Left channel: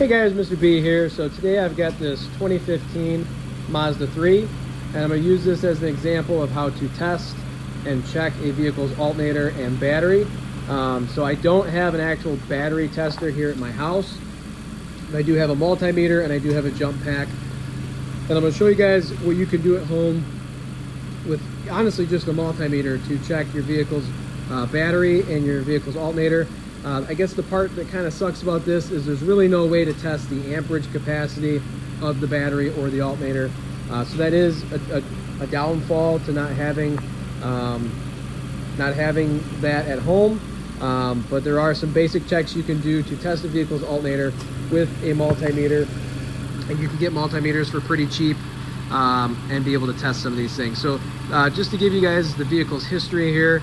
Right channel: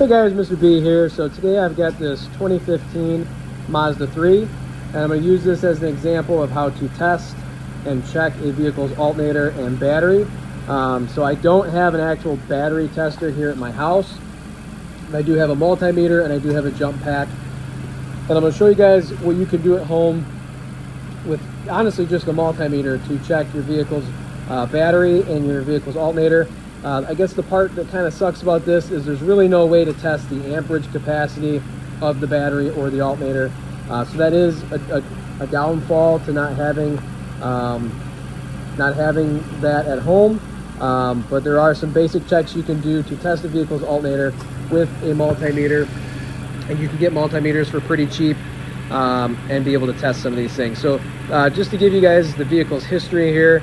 Hey guys, Mr. B here. So today I've got this 2015 Mazda 3, and I'm going to use this as an example of how to test and check a vehicle's alternator and battery. So I don't have an actual battery tester here at my house. I do have a multimeter and I do have a jump pack. And I'm going to show you guys what you can do at home with honestly just a multimeter to check your vehicle's battery and your vehicle's alternator. I guess the part that kind of sucks about this is there's really no way to test the amperage capacity of the battery or the alternator. So that is a downfall to not having that at home. But there are some basic checks you can do to test the vehicle's alternator with a multimeter. And you can get multimeters for pretty cheap and be able to test some of these things. So just to give you guys the vehicle's history here,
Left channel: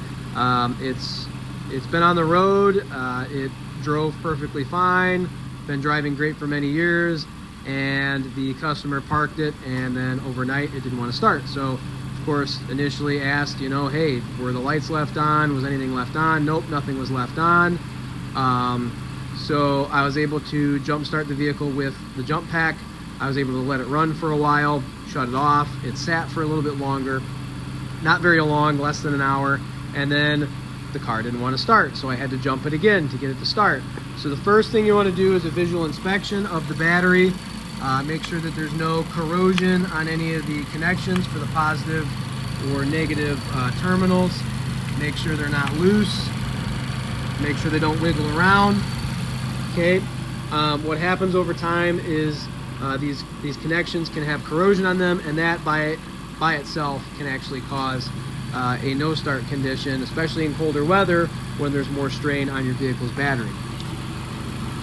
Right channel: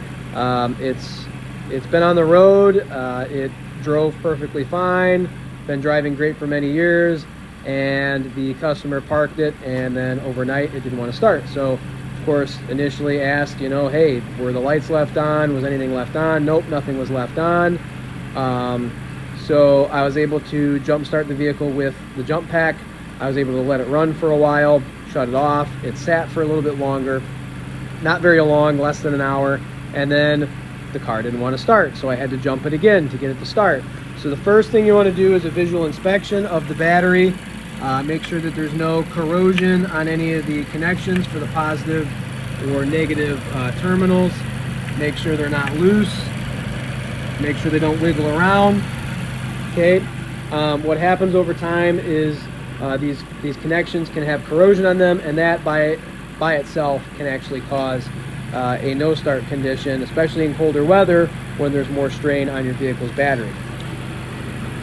it's been on the road. It drove perfectly fine, been driving great for many years, and the customer parked it, and then overnight it didn't want to start. So of course initially asked, you know, hey, were the lights left on? Was anything left on? Nope, nothing was left on. So I was able to jump start the vehicle with the jump pack. I was able to let it run for a while, shut it off. It sat for a little bit longer, not very long, less than an hour, and then the car didn't want to start, so I had to jump it again to get it to start. So the first thing you want to do is a visual inspection of the battery. Make sure that there's no corrosion on any of the connections for the positive or negative terminals. Make sure they're not loose. Make sure they don't wiggle around. Okay. What happens over time is these connections can have corrosion on them, and that by itself can actually cause a no-start condition, especially in colder weather when there's more strain on your vehicle's battery.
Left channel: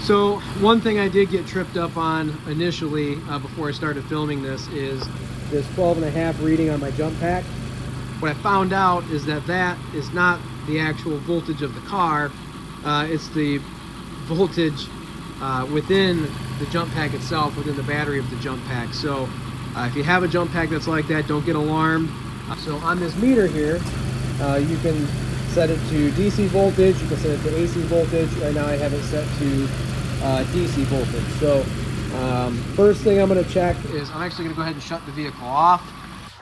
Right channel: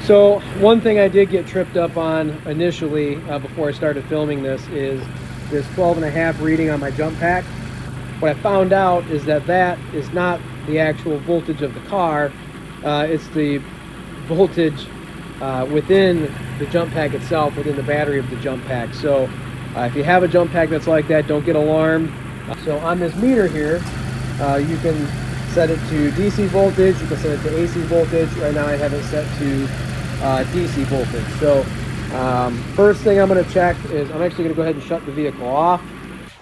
So one thing I did get tripped up on initially before I started filming this is this 12.5 reading on my jump pack. What I found out is that is not the actual voltage of the car. It's the voltage within the jump pack itself, within the battery of the jump pack. So if you have a jump pack that's like that, don't get alarmed. So on this meter here, you can set it to DC voltage, you can set it to AC voltage. Right now I have it set to DC voltage. So first thing I'm going to check is I'm actually going to go ahead and shut the vehicle off.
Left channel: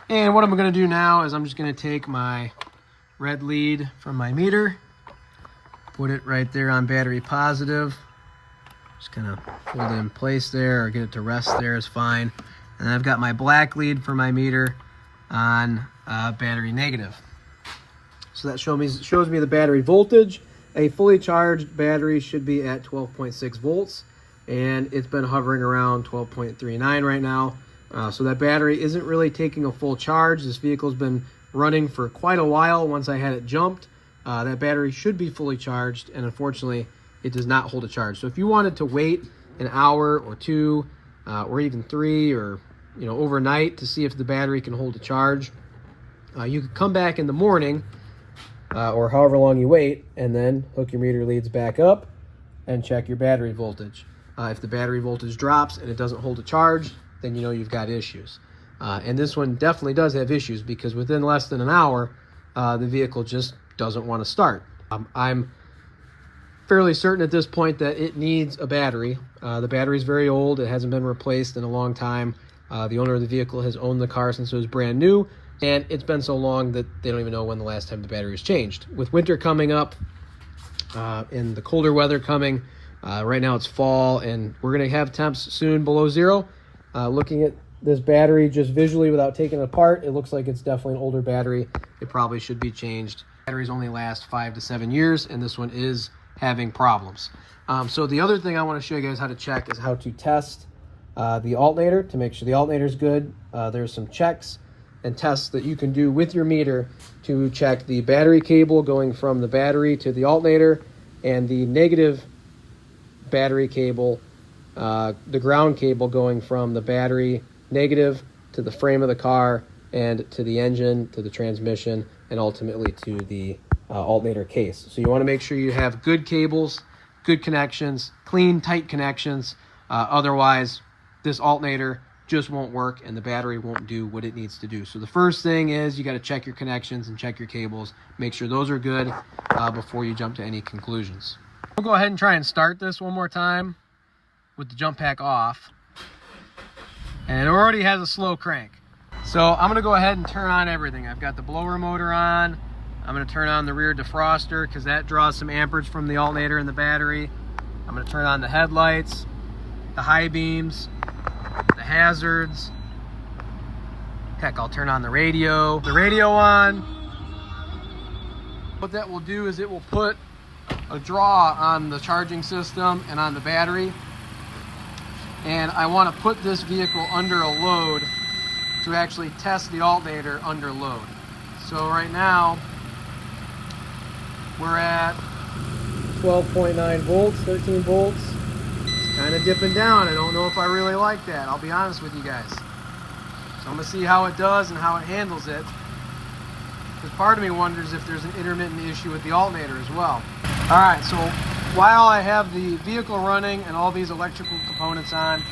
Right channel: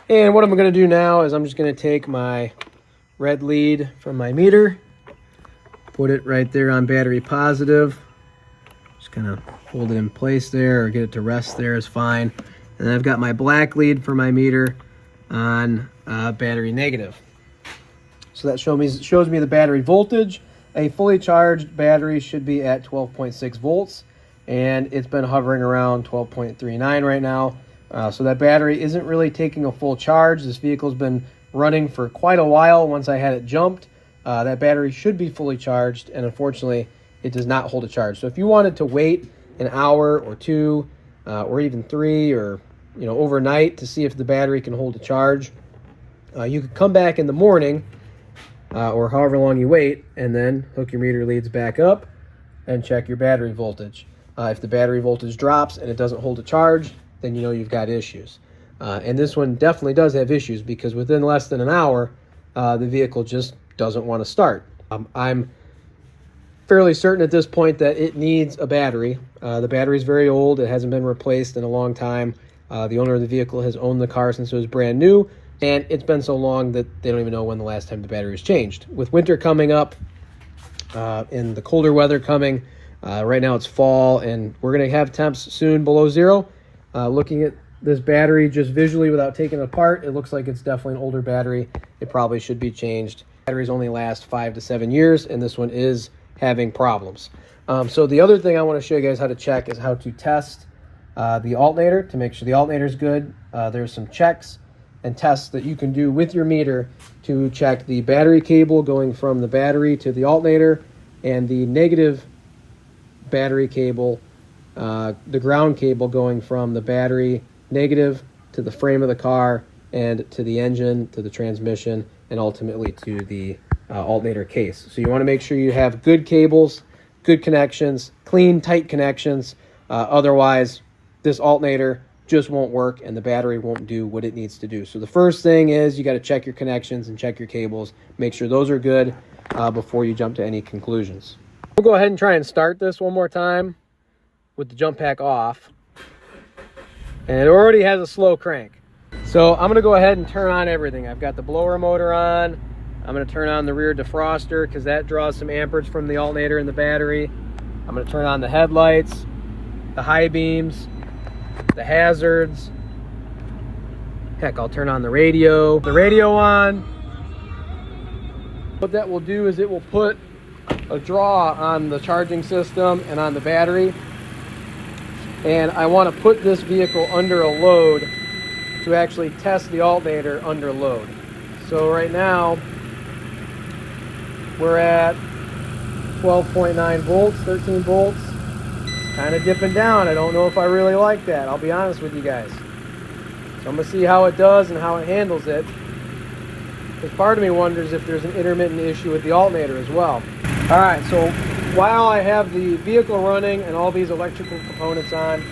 And what I'm going to do now is I'm just going to take my red lead from my meter, put it right there on battery positive. Just kind of hold it in place there, or get it to rest there is fine. And then I've got my black lead for my meter on battery negative. So that shows me the battery voltage. A fully charged battery should be at 12.6 volts, and it's been hovering around 12.39 right now. So that battery isn't really taking a full charge. This vehicle's been running for quite a while. Once I had it jumped, that battery should be fully charged, and unfortunately it does not hold a charge. So if you wanted to wait an hour or two or even 3 or overnight to see if the battery can hold a charge, you could come back in the morning or however long you wait, and then hook your meter leads back up and check your battery voltage. If the battery voltage drops and it doesn't hold a charge, then you know you've got issues. And this one definitely does have issues, because within less than an hour, the vehicle just doesn't want to start. I'm fairly certain at this point that it needs a battery. The battery is very old. It hasn't been replaced in a long time. The owner of the vehicle has owned the car since it was brand new, and it's been so long that they don't even know when the last time the battery was changed. With winter coming up and the colder weather coming, right now it's fall, and we're going to have temps soon below 0. Looking at this battery just visually without taking it apart, it looks like it's definitely an older battery. It probably should be changed. Batteries only last 5 to 7 years, and this one is having problems. So the other thing I want to show you guys how to check is how to test the alternator to make sure the alternator is good. There's some checks and tests that you can do with your meter to check the battery cable going from the battery to the alternator, and the negative battery cable, the ground cable going from the battery negative to the frame of the car and to the engine, to the transmission, and ultimately to the alternator case. So you want to make sure you have good cables, good connections, clean, tight connections. Otherwise, this alternator just won't work and the battery won't do what it needs to do. So the first thing is you got to check your connections and check your cables. Make sure those are good before you jump to any conclusions. We'll go ahead and try and start this one more time with the jump pack off. And it already has a slow crank. So I'm gonna go ahead and turn on everything. I've got the blower motor on. I'm gonna turn on the rear defroster because that draws some amperage from the alternator and the battery. I'm gonna turn on the headlights, the high beams, the hazards. Heck, I'll turn on the radio on. What that will do is it will put a draw on the charging system and on the battery. And I want to put this vehicle under a load to actually test the alternator under load. So right now we're at 12.9 volts, 13 volts. It's kind of dipping down. I don't know if I really like that. I'll be honest with you guys. So I'm gonna see how it does and how it handles it. Because part of me wonders if there's an intermittent issue with the alternator as well. All right, so while I have the vehicle running and all these electrical components on,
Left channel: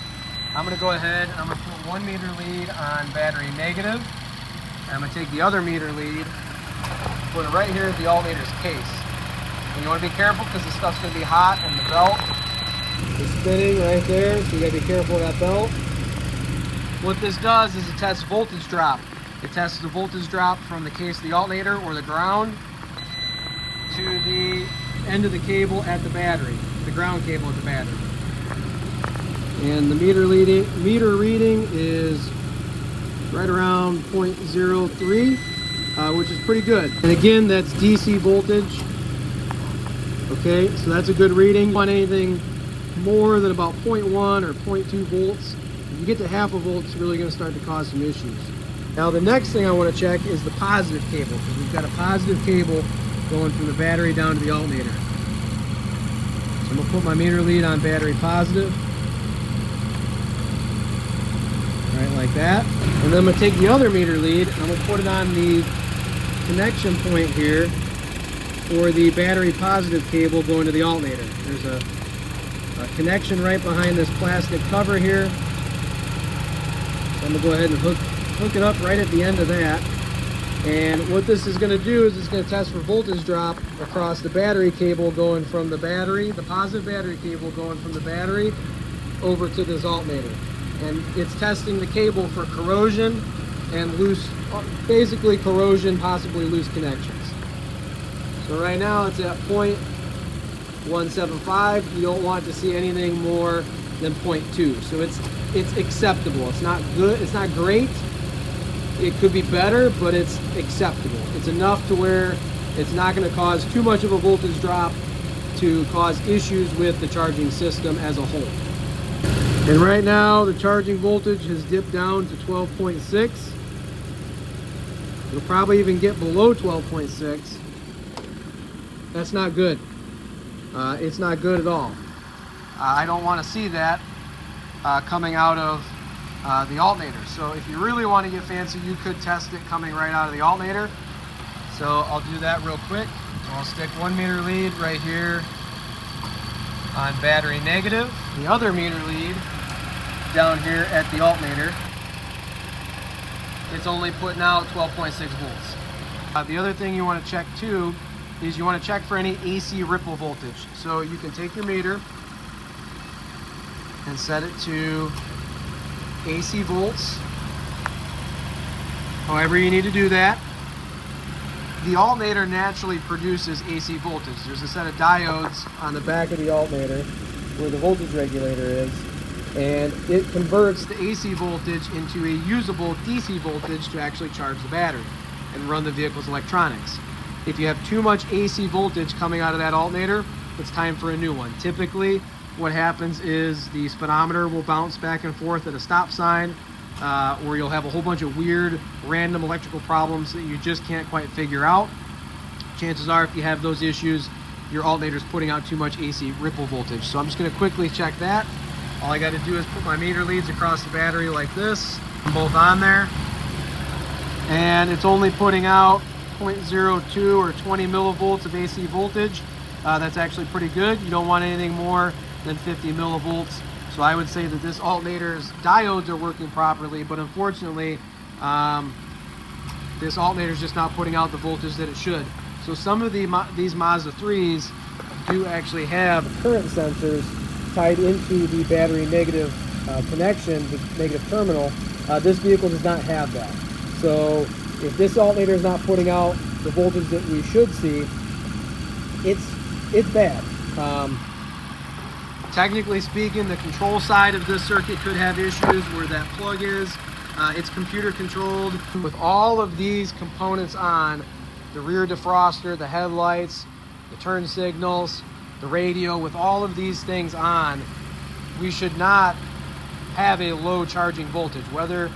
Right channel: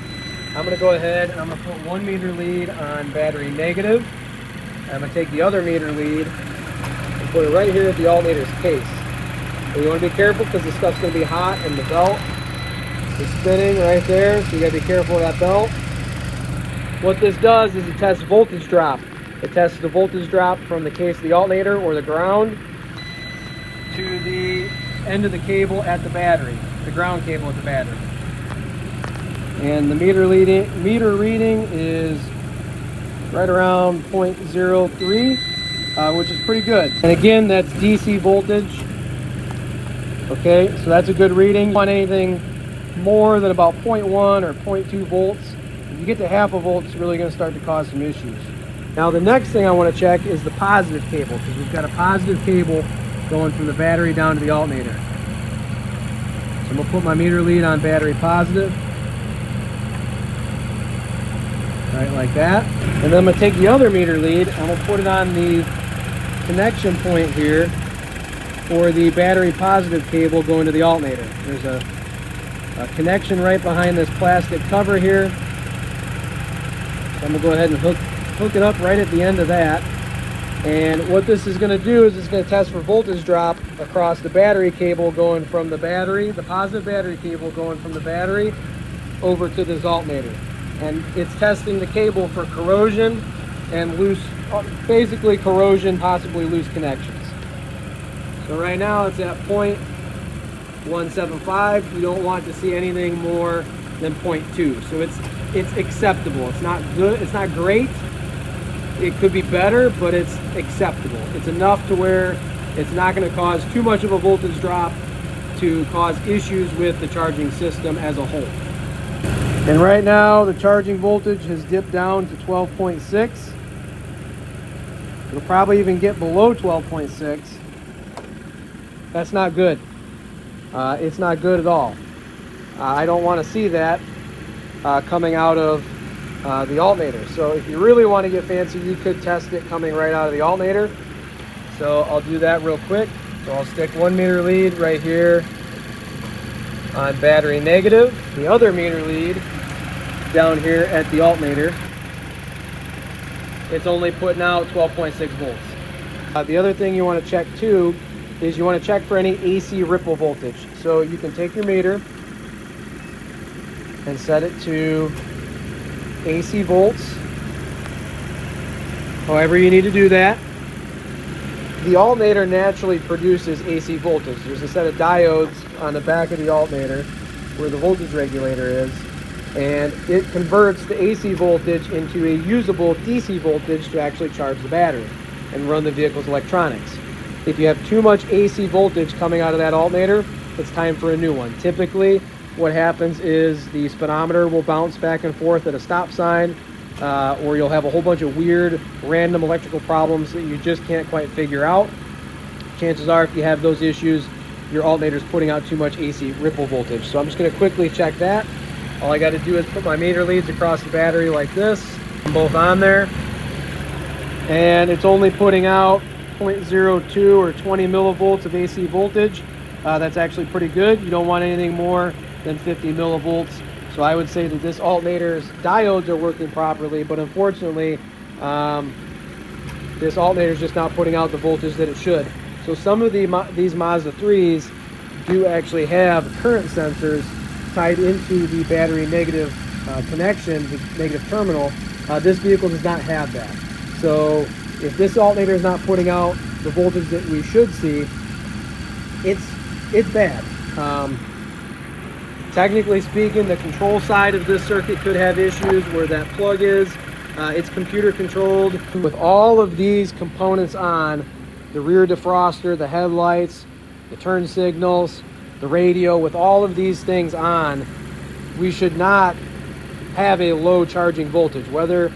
I'm gonna go ahead and I'm gonna put 1 meter lead on battery negative. And I'm gonna take the other meter lead and put it right here at the alternator's case. And you wanna be careful because the stuff's gonna be hot and the belt is spinning right there, so you gotta be careful of that belt. What this does is it tests voltage drop. It tests the voltage drop from the case of the alternator or the ground to the end of the cable at the battery, the ground cable at the battery. And the meter reading is right around 0.03, which is pretty good. And again, that's DC voltage. Okay, so that's a good reading. Want anything more than about 0.1 or 0.2 volts? If you get to half a volt, it's really going to start to cause some issues. Now the next thing I want to check is the positive cable, because we've got a positive cable going from the battery down to the alternator. So I'm going to put my meter lead on battery positive. Right like that. And then I'm going to take the other meter lead, I'm going to put it on the connection point here for the battery positive cable going to the alternator. There's a connection right behind this plastic cover here. So I'm going to go ahead and hook it up right at the end of that. And what this is going to do is it's going to test for voltage drop across the battery cable going from the battery, the positive battery cable going from the battery over to this alternator. And it's testing the cable for corrosion and loose, basically corrosion, possibly loose connections. So right now it's at 0.175. You don't want to see anything more than 0.2. So it's acceptable. It's not good. It's not great. It could be better, but it's acceptable. It's enough to where it's not going to cause too much of a voltage drop to cause issues with the charging system as a whole. And right now the charging voltage has dipped down to 12.6. It'll probably even get below 12.6. That's not good. It's not good at all. I don't want to see that coming out of the alternator. So if you really want to get fancy, you could test it coming right out of the alternator. So I'll do that real quick. So I'll stick 1 meter lead right here on battery negative, the other meter lead down here at the alternator. It's only putting out 12.6 volts. The other thing you want to check too is you want to check for any AC ripple voltage. So you can take your meter and set it to AC volts, however you need to do that. The alternator naturally produces AC voltage. There's a set of diodes on the back of the alternator where the voltage regulator is, and it converts the AC voltage into a usable DC voltage to actually charge the battery and run the vehicle's electronics. If you have too much AC voltage coming out of that alternator, it's time for a new one. Typically, what happens is the speedometer will bounce back and forth at a stop sign, or you'll have a whole bunch of weird, random electrical problems that you just can't quite figure out. Chances are, if you have those issues, your alternator's putting out too much AC ripple voltage. So I'm just going to quickly check that. All I got to do is put my meter leads across the battery like this, both on there, and it's only putting out 0.02 or 20 millivolts of AC voltage. That's actually pretty good. You don't want anything more than 50 millivolts. So I would say that this alternator's diodes are working properly, but unfortunately, this alternator is just not putting out the voltage that it should. So some of these Mazda 3s do actually have current sensors tied into the battery negative connection, the negative terminal. This vehicle does not have that. So if this alternator is not putting out the voltage that we should see, it's bad. Technically speaking, the control side of this circuit could have issues where that plug is. It's computer controlled. With all of these components on, the rear defroster, the headlights, the turn signals, the radio, with all of these things on, we should not have a low charging voltage. Whether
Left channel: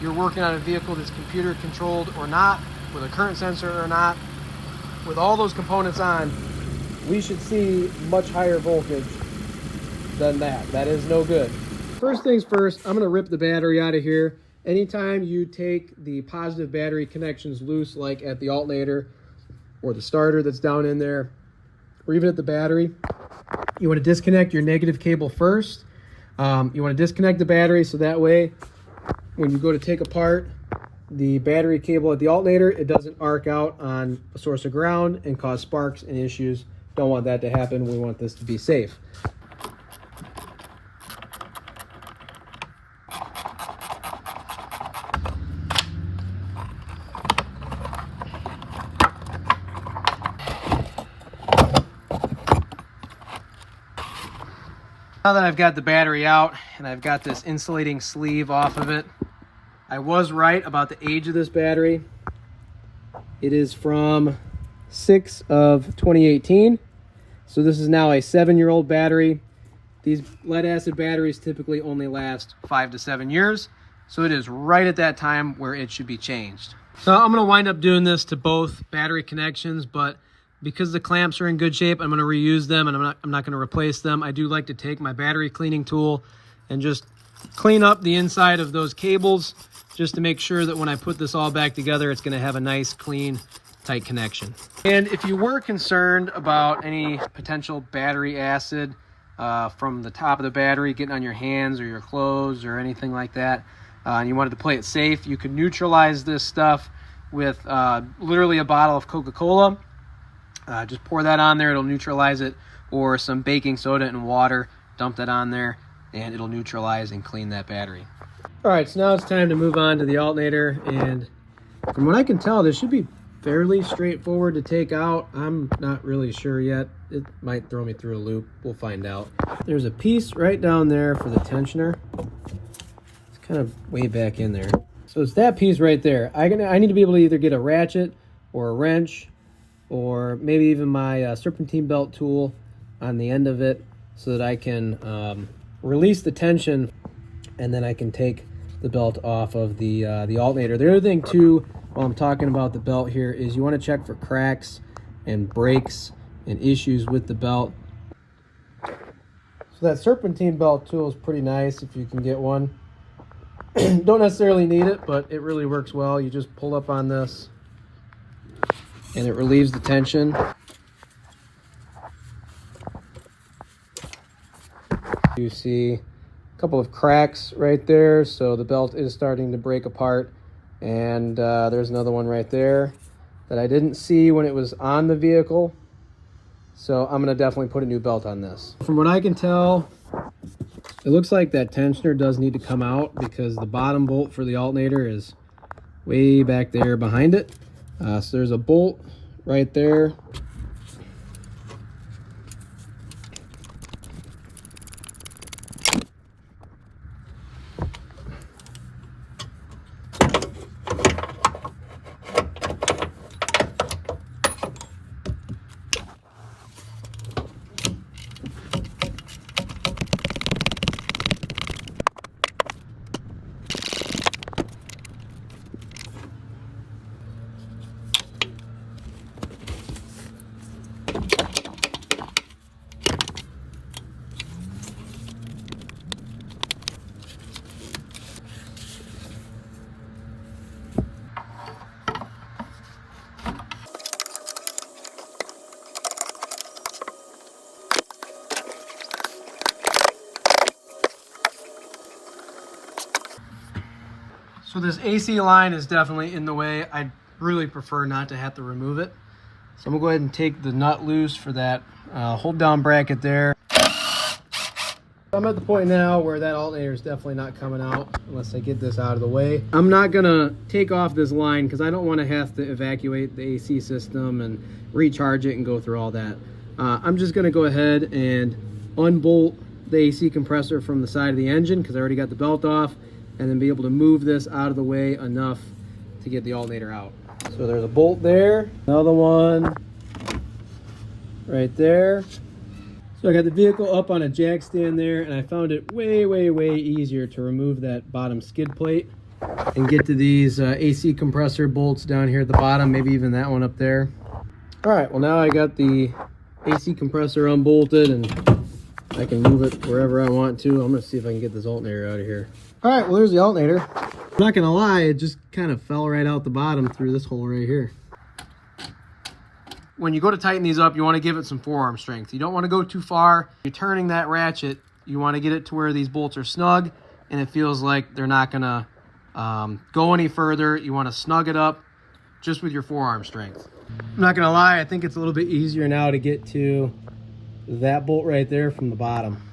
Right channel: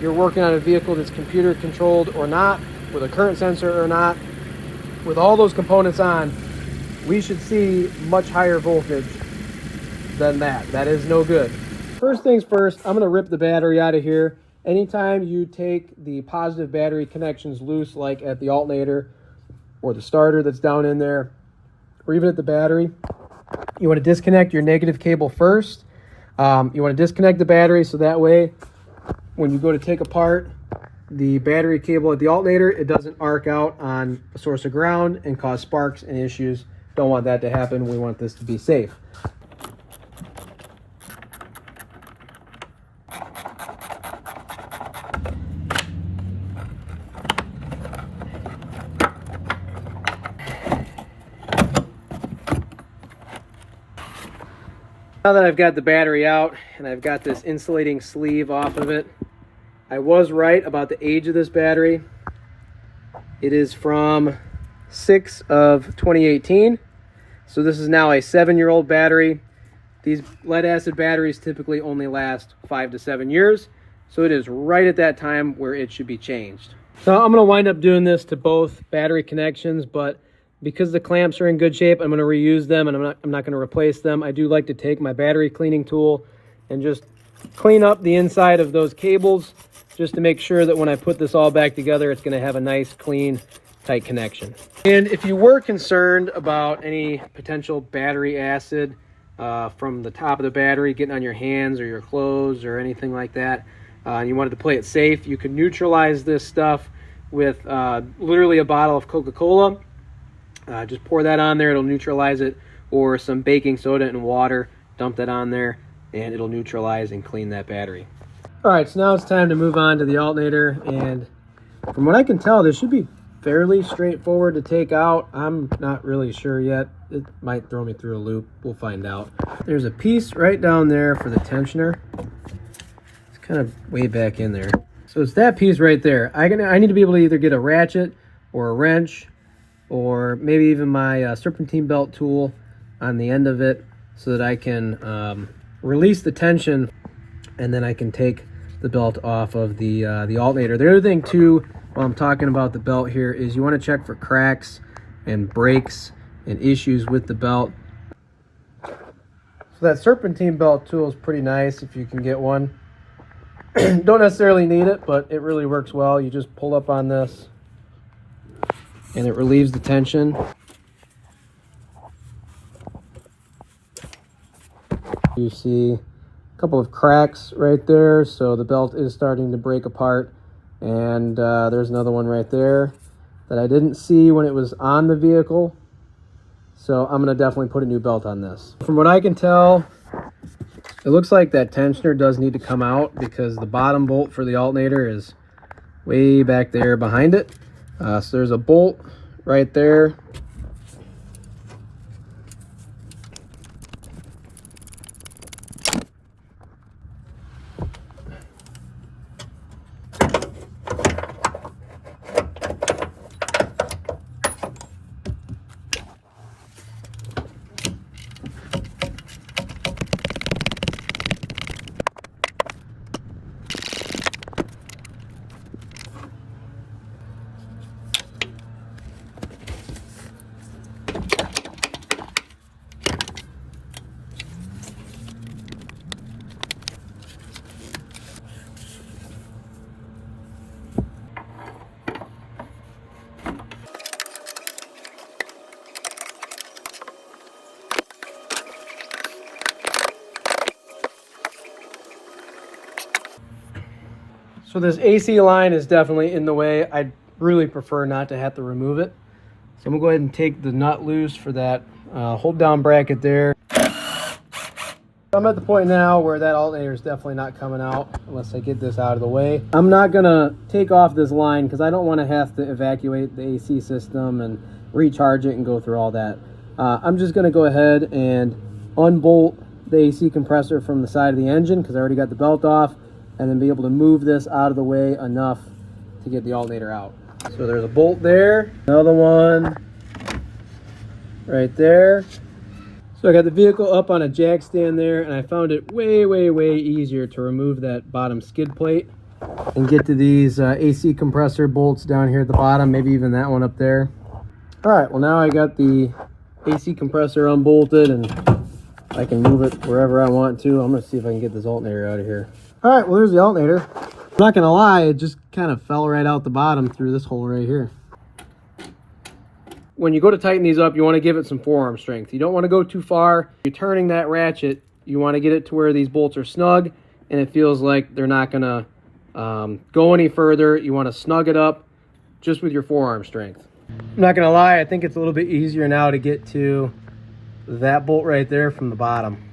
you're working on a vehicle that's computer controlled or not, with a current sensor or not, with all those components on, we should see much higher voltage than that. That is no good. First things first, I'm gonna rip the battery out of here. Anytime you take the positive battery connections loose, like at the alternator or the starter that's down in there, or even at the battery, you want to disconnect your negative cable first. You want to disconnect the battery so that way when you go to take apart the battery cable at the alternator, it doesn't arc out on a source of ground and cause sparks and issues. Don't want that to happen. We want this to be safe. Now that I've got the battery out and I've got this insulating sleeve off of it, I was right about the age of this battery. It is from 6 of 2018. So this is now a 7-year-old battery. These lead acid batteries typically only last 5 to 7 years. So it is right at that time where it should be changed. So I'm gonna wind up doing this to both battery connections, but because the clamps are in good shape, I'm going to reuse them and I'm not going to replace them. I do like to take my battery cleaning tool and just clean up the inside of those cables just to make sure that when I put this all back together, it's going to have a nice, clean, tight connection. And if you were concerned about any potential battery acid from the top of the battery getting on your hands or your clothes or anything like that, and you wanted to play it safe, you could neutralize this stuff with literally a bottle of Coca-Cola. Just pour that on there, it'll neutralize it, or some baking soda and water, dump that on there, and it'll neutralize and clean that battery. All right, so now it's time to move on to the alternator, and from what I can tell, this should be fairly straightforward to take out. I'm not really sure yet. It might throw me through a loop. We'll find out. There's a piece right down there for the tensioner. It's kind of way back in there. So it's that piece right there. I need to be able to either get a ratchet or a wrench, or maybe even my serpentine belt tool on the end of it so that I can release the tension, and then I can take the belt off of the alternator. The other thing too, while I'm talking about the belt here, is you want to check for cracks and breaks and issues with the belt. So that serpentine belt tool is pretty nice if you can get one. Don't necessarily need it, but it really works well. You just pull up on this and it relieves the tension. You see a couple of cracks right there, so the belt is starting to break apart. And there's another one right there that I didn't see when it was on the vehicle. So I'm gonna definitely put a new belt on this. From what I can tell, it looks like that tensioner does need to come out because the bottom bolt for the alternator is way back there behind it. So there's a bolt right there. So this AC line is definitely in the way. I'd really prefer not to have to remove it. So I'm gonna go ahead and take the nut loose for that hold down bracket there. I'm at the point now where that alternator is definitely not coming out unless I get this out of the way. I'm not gonna take off this line because I don't want to have to evacuate the AC system and recharge it and go through all that. I'm just gonna go ahead and unbolt the AC compressor from the side of the engine because I already got the belt off, and then be able to move this out of the way enough to get the alternator out. So there's a bolt there, another one right there. So I got the vehicle up on a jack stand there, and I found it way easier to remove that bottom skid plate and get to these AC compressor bolts down here at the bottom, maybe even that one up there. All right, well now I got the AC compressor unbolted and I can move it wherever I want to. I'm gonna see if I can get this alternator out of here. All right, well there's the alternator. I'm not gonna lie, it just kind of fell right out the bottom through this hole right here. When you go to tighten these up, you want to give it some forearm strength. You don't want to go too far. You're turning that ratchet. You want to get it to where these bolts are snug and it feels like they're not going to go any further. You want to snug it up just with your forearm strength. I'm not going to lie, I think it's a little bit easier now to get to that bolt right there from the bottom.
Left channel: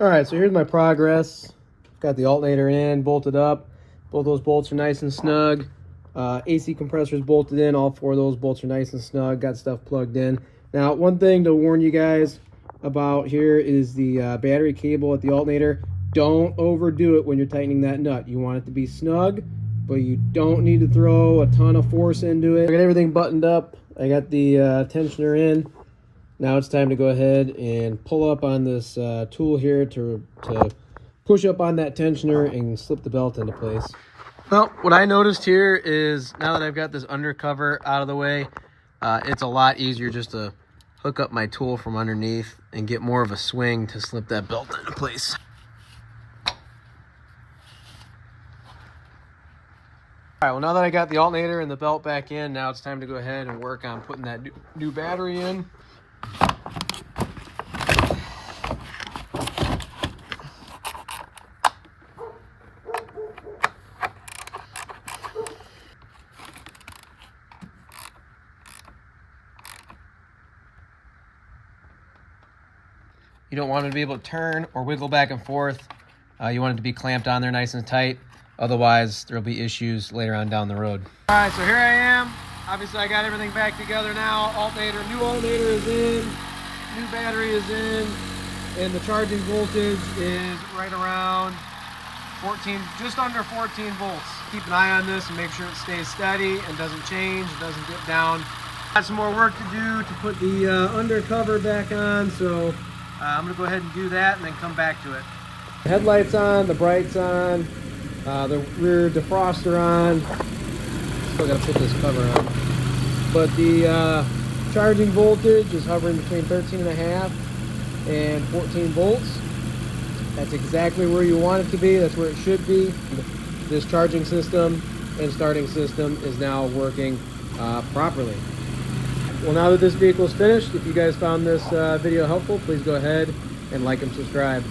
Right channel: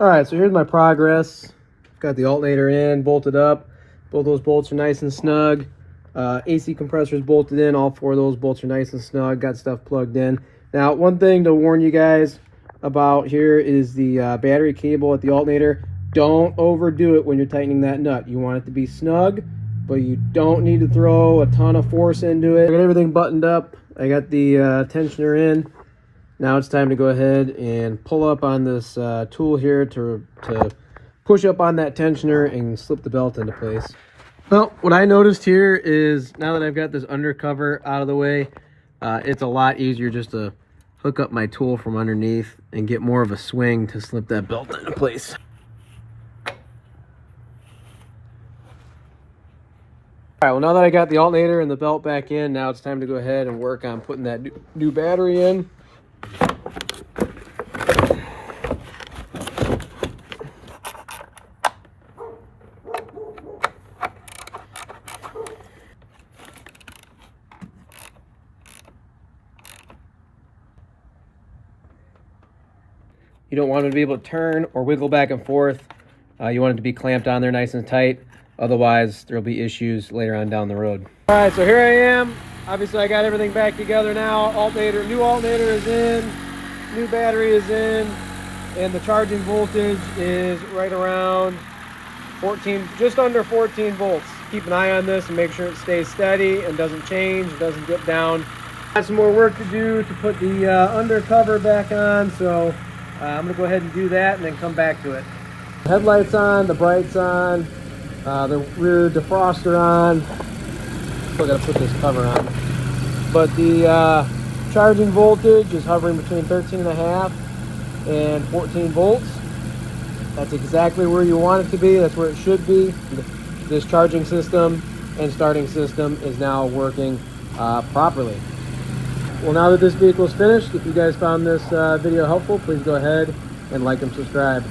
All right, so here's my progress. Got the alternator in, bolted up. Both those bolts are nice and snug. AC compressors bolted in. All four of those bolts are nice and snug. Got stuff plugged in. Now, one thing to warn you guys about here is the battery cable at the alternator. Don't overdo it when you're tightening that nut. You want it to be snug, but you don't need to throw a ton of force into it. I got everything buttoned up. I got the tensioner in. Now it's time to go ahead and pull up on this tool here to push up on that tensioner and slip the belt into place. Well, what I noticed here is now that I've got this undercover out of the way, it's a lot easier just to hook up my tool from underneath and get more of a swing to slip that belt into place. All right, well now that I got the alternator and the belt back in, now it's time to go ahead and work on putting that new battery in. You don't want it to be able to turn or wiggle back and forth. You want it to be clamped on there nice and tight. Otherwise, there'll be issues later on down the road. All right, so here I am. Obviously, I got everything back together now. New alternator is in, new battery is in, and the charging voltage is right around 14, just under 14 volts. Keep an eye on this and make sure it stays steady and doesn't change, doesn't dip down. Got some more work to do to put the undercover back on, so I'm gonna go ahead and do that and then come back to it. The headlights on, the brights on, the rear defroster on. Still gotta put this cover on. But the charging voltage is hovering between 13.5 and 14 volts. That's exactly where you want it to be. That's where it should be. This charging system and starting system is now working properly. Well, now that this vehicle is finished, if you guys found this video helpful, please go ahead and like and subscribe.